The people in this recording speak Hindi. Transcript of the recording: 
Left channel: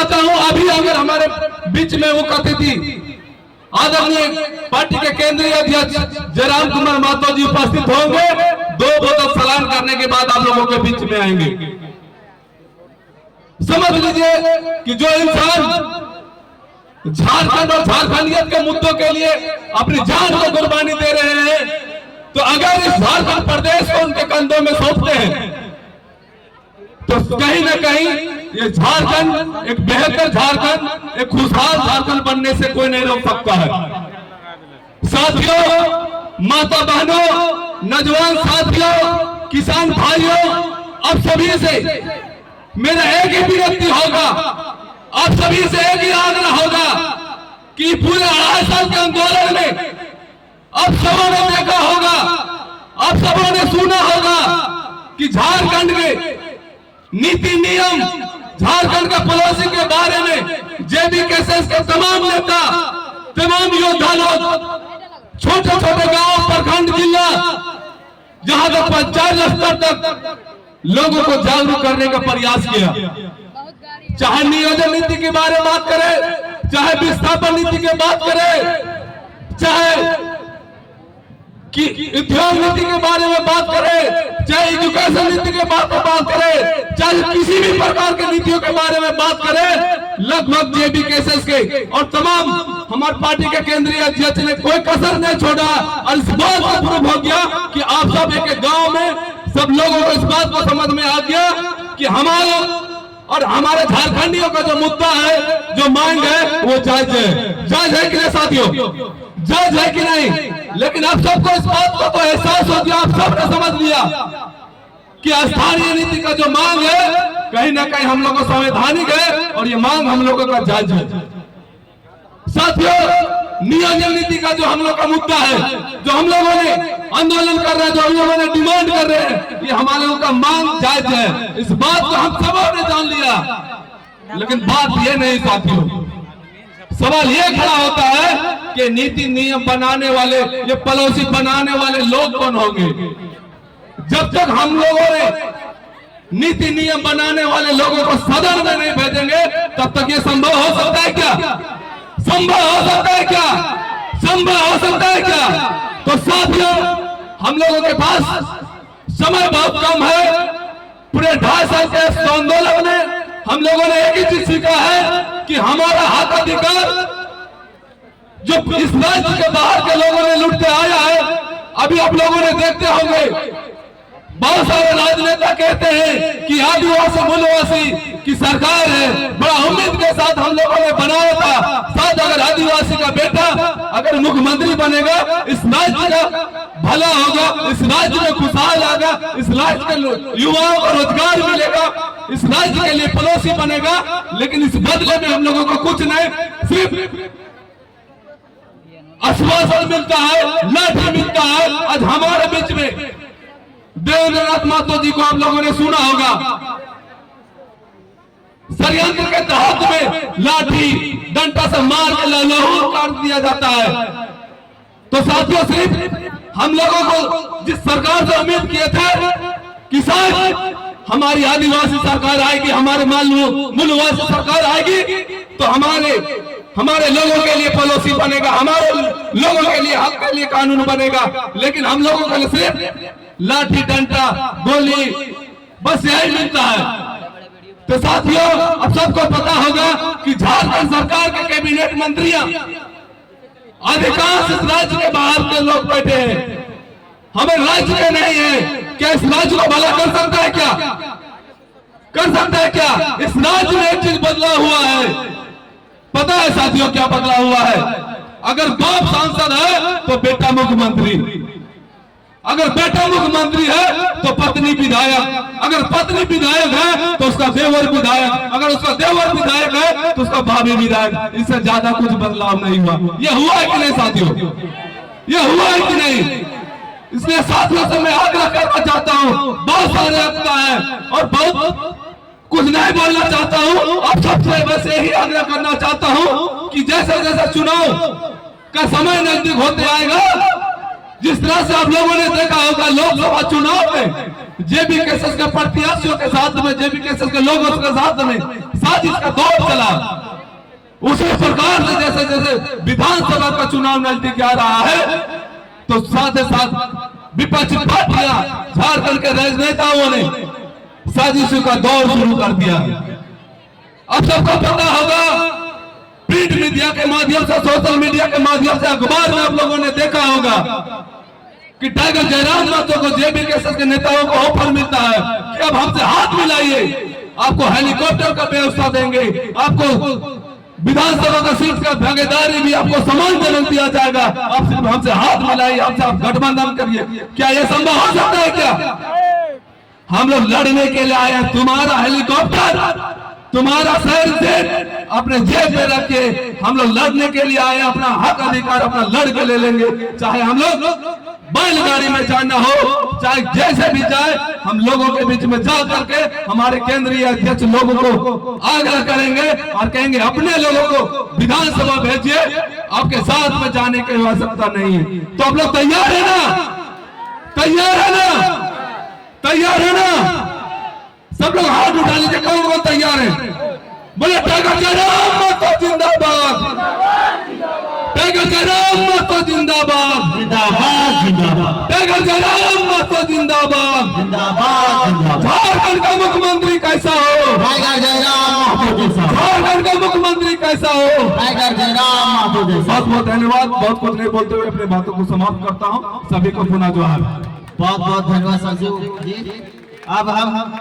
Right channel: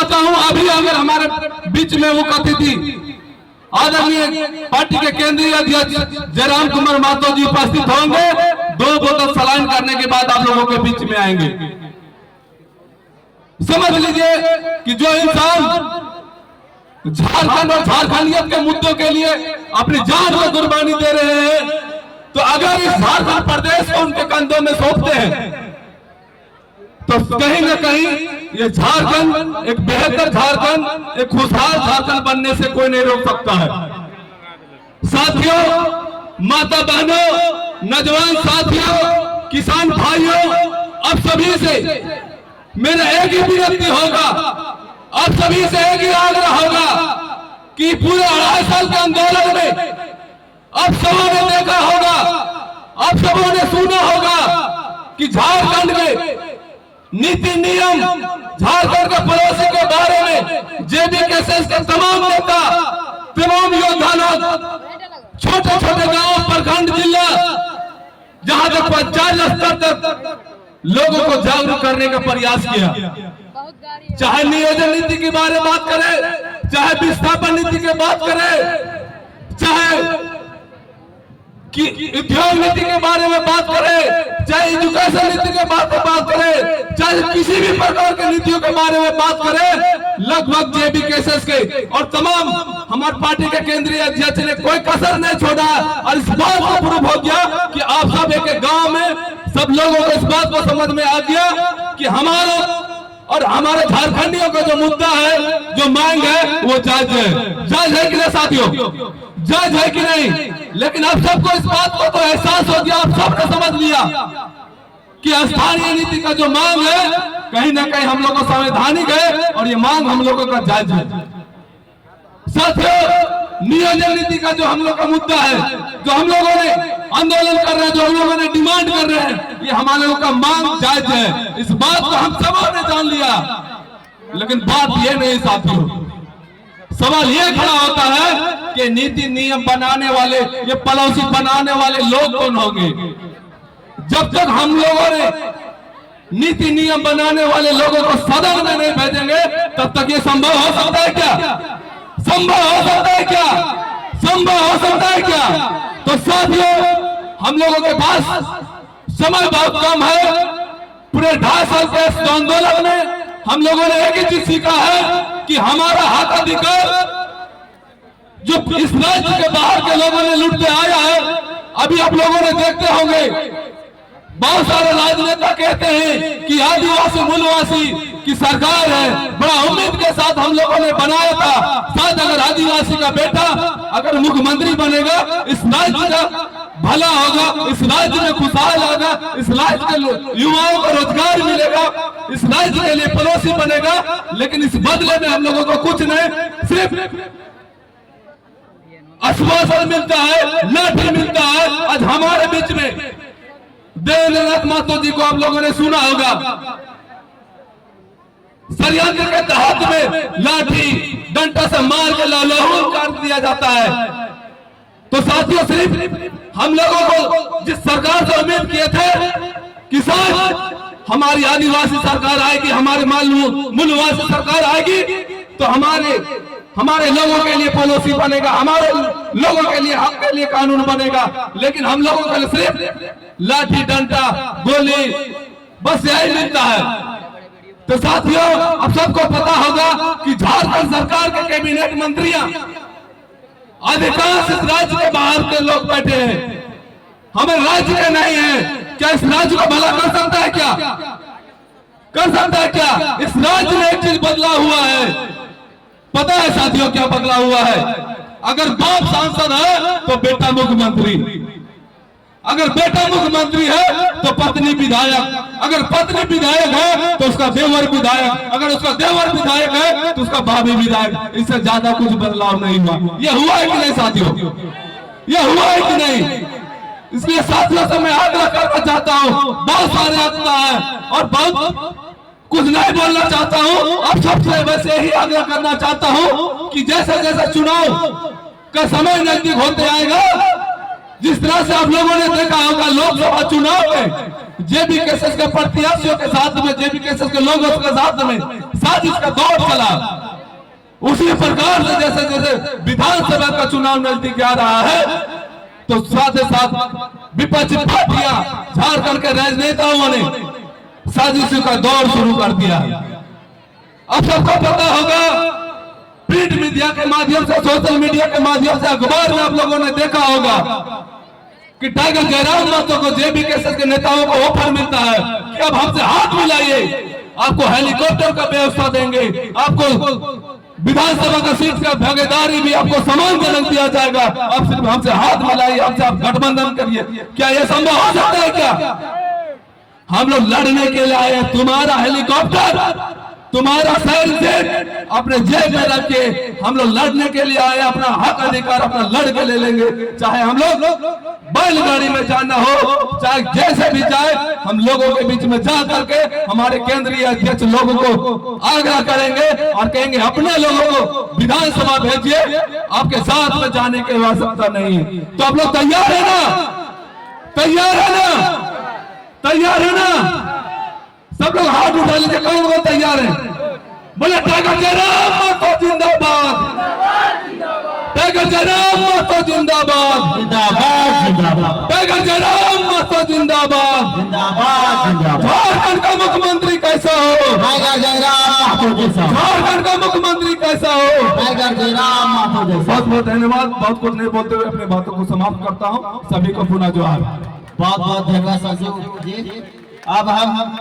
चाहता हूं अभी अगर हमारे बीच में वो अतिथि आदरणीय पार्टी के केंद्रीय अध्यक्ष जयराम कुमार महतो जी उपस्थित होंगे, 2 बोतल सलाइन करने के बाद आप लोगों के बीच में आएंगे। समझ लीजिए कि जो इंसान झारखंड और झारखंडियत के मुद्दों के लिए अपनी जान को कुर्बानी दे रहे हैं, तो अगर इस झारखंड प्रदेश को उनके कंधों में सौंपते हैं तो कहीं ना कहीं ये झारखंड एक बेहतर झारखंड, एक खुशहाल झारखंड बनने से कोई नहीं रोक सकता है। साथियों, माता बहनों, नौजवान साथियों, किसान भाइयों, अब सभी से मेरा एक ही विनती होगा, आप सभी से एक ही आग्रह होगा कि पूरे 2.5 साल के आंदोलन में आप सबों ने देखा होगा, आप सबों ने सुना होगा कि झारखंड में नीति नियम, झारखंड के पड़ोसी के बारे में जेबी केसेस के तमाम नेता, तमाम योद्धा लोग छोटे छोटे गांव, प्रखंड, जिला, जहां तक पंचायत स्तर तक लोगों को जागरूक करने का प्रयास किया। चाहे नियोजन नीति की बारे में बात करें, चाहे विस्थापन नीति की बात करें, चाहे कि उद्योग नीति के बारे में बात करें, चाहे एजुकेशन नीति के बारे में बात करें, चाहे किसी भी प्रकार के नीतियों के बारे में बात करें, लगभग जेबी केसेस के और तमाम हमारी पार्टी के केंद्रीय अध्यक्ष ने कोई कसर नहीं छोड़ा। और इस बात को प्रूव हो गया कि आप सब एक गांव में सब लोगों को इस बात को समझ में आ गया कि हमारा और हमारे झारखंडियों का जो मुद्दा है, जो मांग है, वो जायज है। जायज है कि नहीं साथियों? जायज है कि नहीं? लेकिन आप सबको इस बात को तो एहसास हो गया, आप सबने समझ लिया कि स्थानीय नीति का जो मांग है कहीं ना कहीं हम लोग को संवैधानिक है और ये मांग हम लोगों का जायज है। साथियों, नियोजन नीति का जो हम लोग का मुद्दा है, जो हम लोगों ने आंदोलन कर रहे हैं, जो हम लोगों ने डिमांड कर रहे हैं, ये हमारे लोगों का मांग जायज है। इस बात को हम सबों ने जान लिया। लेकिन बात ये नहीं साथियों, सवाल ये खड़ा होता है कि नीति नियम बनाने वाले, ये पॉलिसी बनाने वाले लोग कौन होंगे? जब तक हम लोगों ने नीति नियम बनाने वाले लोगों को सदन में नहीं भेजेंगे, तब तक ये संभव हो सकता है क्या? संभव हो सकता है क्या? संभव हो सकता है क्या? तो साथियों, हम लोगों के पास समय बहुत कम है। पूरे 2.5 साल के इस आंदोलन में हम लोगों ने एक ही चीज सीखा है कि हमारा हक अधिकार जो इस राज्य के बाहर के लोगों ने लूटते आया है, अभी आप लोगों ने देखते होंगे बहुत सारे राजनेता कहते हैं कि आदिवासी मूलवासी की सरकार है, बड़ा उम्मीद के साथ हम लोगों ने बनाया था। शायद अगर आदिवासी का बेटा अगर मुख्यमंत्री बनेगा, इस राज्य का भला होगा, इस राज्य में खुशहाल होगा, इस राज्य के युवाओं को रोजगार मिलेगा, इस राज्य के लिए पड़ोसी बनेगा। लेकिन इस बदले में हम लोगों को कुछ नहीं, सिर्फ आश्वासन मिलता है, लाठी मिलता है। आज हमारे बीच में देवेंद्रनाथ महतो जी को आप लोगों ने सुना होगा, षड्यंत्र के तहत में लाठी डंडा से मार के लाहौर काट दिया जाता है। तो साथियों, सिर्फ हम लोगों को जिस सरकार से उम्मीद किए थे कि शायद हमारी आदिवासी सरकार आएगी, हमारे मूलवासी सरकार आएगी, तो हमारे लोगों के लिए पॉलिसी बनेगा, हमारे लोगों के लिए हक के लिए कानून बनेगा। लेकिन हम लोगों को सिर्फ लाठी डंडा गोली बस यही मिलता है। तो साथियों, अब सबको पता होगा कि झारखंड सरकार के कैबिनेट मंत्रियां अधिकांश इस राज्य के बाहर के लोग बैठे हैं, हमें राज्य के नहीं है। क्या इस राज्य को भला कर सकता है? क्या कर सकता है? क्या इस राज्य में एक चीज बदला हुआ है? पता है साथियों क्या बदला हुआ है? अगर बाप सांसद है तो बेटा मुख्यमंत्री, अगर बेटा मुख्यमंत्री है तो पत्नी विधायक, अगर पत्नी विधायक है तो उसका देवर विधायक, अगर उसका देवर विधायक है तो उसका भाभी विधायक। इससे ज्यादा कुछ बदलाव नहीं हुआ। यह हुआ है कि नहीं साथियों? यह हुआ है कि नहीं? इसलिए साथियों से मैं आग्रह करना चाहता हूँ, बहुत सारे आपका है और बहुत कुछ नहीं बोलना चाहता हूँ। आप सबसे बस यही आग्रह करना चाहता हूँ कि जैसे जैसे चुनाव का समय नजदीक होते आएगा, जिस तरह से आप लोगों ने देखा होगा लोकसभा चुनाव में जेबी केसेस के प्रत्याशियों के साथ में, जेबी केसेस के लोगों के साथ में साजिश का दौर चला, उसी प्रकार से जैसे जैसे विधानसभा का चुनाव नजदीक आ रहा है तो साथ ही साथ विपक्षी पार्टियां, झारखंड के राजनेताओं ने साजिशों का दौर शुरू कर दिया। अब सबको पता होगा, प्रिंट मीडिया के माध्यम से, सोशल मीडिया के माध्यम से, अखबार में आप लोगों ने देखा होगा कि टाइगर जयराम महतो को जेबी केसेस के नेताओं को ऑफर मिलता है कि अब हमसे हाथ मिलाइए, आपको हेलीकॉप्टर का व्यवस्था देंगे, आपको विधानसभा का सीट का भागीदारी भी आपको सम्मानजनक दिया जाएगा, आप सिर्फ हमसे हाथ मिलाइए, हमसे आप गठबंधन करिए। क्या यह संभव हो सकता है? क्या हम लोग लड़ने के लिए आए? तुम्हारा हेलीकॉप्टर, तुम्हारा सैर से अपने जेब में रखे, हम लोग लड़ने के लिए आए, अपना हक अधिकार अपना लड़ के ले लेंगे, चाहे हम लोग बैलगाड़ी में जाना हो, चाहे जैसे भी जाए, हम लोगों के बीच में जा करके हमारे केंद्रीय अध्यक्ष लोगों को आग्रह करेंगे और कहेंगे अपने लोगों को विधानसभा भेजिए, आपके साथ में जाने की आवश्यकता नहीं है। तो आप लोग तैयार है ना? तैयार है ना? तैयार है ना? सब लोग हाथ उठा लीजिए, कौन कौन तैयार है? बोले टाइगर जयराम महतो जिंदाबाद, टाइगर जयराम महतो जिंदाबाद, जिंदाबाद जिंदाबाद, टाइगर जयराम महतो जिंदाबाद, जिंदाबाद जिंदाबाद। झारखंड का मुख्यमंत्री कैसा हो? टाइगर जयराम महतो जैसा। झारखंड का मुख्यमंत्री कैसा हो? टाइगर जयराम महतो जैसा। बहुत बहुत धन्यवाद। बहुत कुछ नहीं बोलते हुए अपने बातों को समाप्त करता हूँ। सभी को पुनः जोहार। बहुत बहुत धन्यवाद संजू जी। अब हम